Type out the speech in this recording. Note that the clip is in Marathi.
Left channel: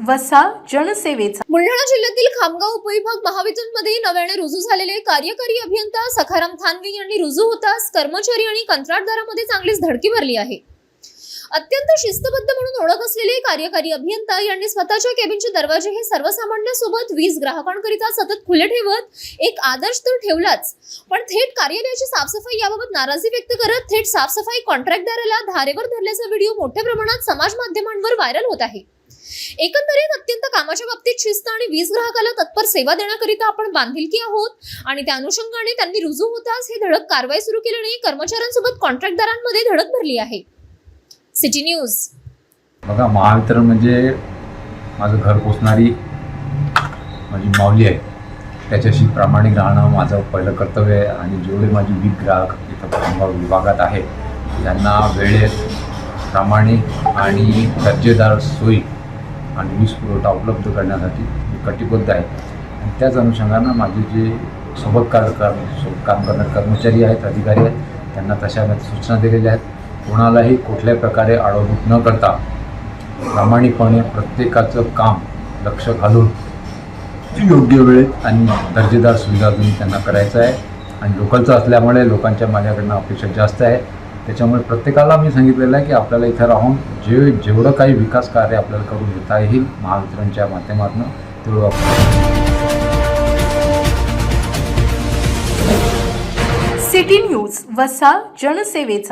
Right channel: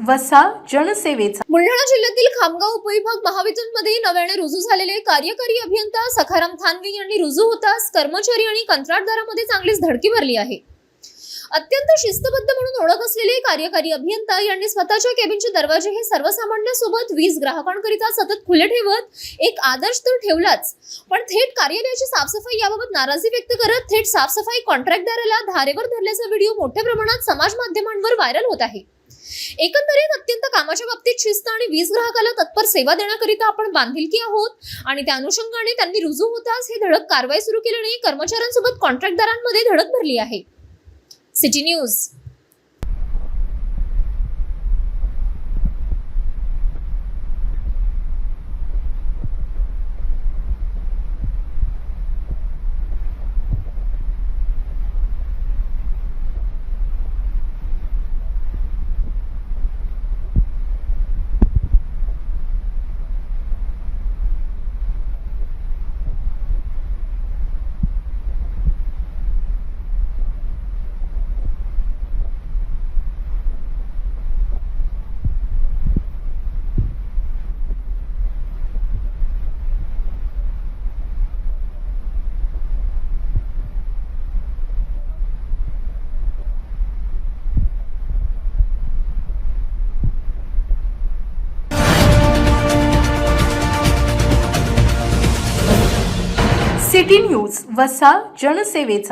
वसा जनसेवेचा। बुलढाणा जिल्ह्यातील खामगाव उपविभाग महावितरणमध्ये नव्याने रुजू झालेले कार्यकारी अभियंता सखाराम थानवी यांनी रुजू होताच कर्मचारी आणि कंत्राटदारांमध्ये चांगलीच धडकी भरली आहे। अत्यंत शिस्तबद्ध म्हणून ओळख असलेले कार्यकारी अभियंता यांनी स्वतःच्या केबिनचे दरवाजे हे सर्वसामान्यांसोबत वीज ग्राहकांकरिता सतत खुले ठेवत एक आदर्श तर ठेवलाच, पण थेट कार्यालयाची साफसफाई याबाबत नाराजी व्यक्त करत थेट साफसफाई कॉन्ट्रॅक्टदाराला धारेवर धरल्याचा व्हिडिओ मोठ्या प्रमाणात समाज माध्यमांवर व्हायरल होत आहे। एकंदरीत अत्यंत कामाच्या बाबतीत शिस्त आणि वीज ग्राहकाला तत्पर सेवा देण्याकरिता आपण बांधिलकी आहोत आणि त्या अनुषंगाने त्यांनी रुजू होताच हे धडक कारवाई सुरू केल्याने कर्मचाऱ्यांसोबत कॉन्ट्रॅक्टदारांमध्ये धडक भरली आहे। City news. बघा, महावितरण म्हणजे माझं घर पोचणारी माझी माऊली आहे। त्याच्याशी प्रामाणिक राहणं माझं पहिलं कर्तव्य आहे आणि जेवढे माझे वीज ग्राहक इथं खामगाव विभागात आहे त्यांना वेळेत प्रामाणिक आणि दर्जेदार सोयी आणि वीज पुरवठा उपलब्ध करण्यासाठी मी कटिबद्ध आहे। आणि त्याच अनुषंगानं माझे जे सोबत काम करणारे कर्मचारी आहेत, अधिकारी आहेत, त्यांना तशा सूचना दिलेल्या आहेत। कोणालाही कुठल्याही प्रकारे आडवणूक न करता प्रामाणिकपणे प्रत्येकाचं काम लक्ष घालून योग्य वेळेत आणि दर्जेदार सुविधा देऊन त्यांना करायचं आहे। आणि लोकलचं असल्यामुळे लोकांच्या माझ्याकडनं अपेक्षा जास्त आहे। त्याच्यामुळे प्रत्येकाला मी सांगितलेलं आहे की आपल्याला इथं राहून जेवढं काही विकास कार्य आपल्याला करून घेता येईल महावितरणच्या माध्यमातून तेवढं सिटी न्यूज वसा जनसेवेचा।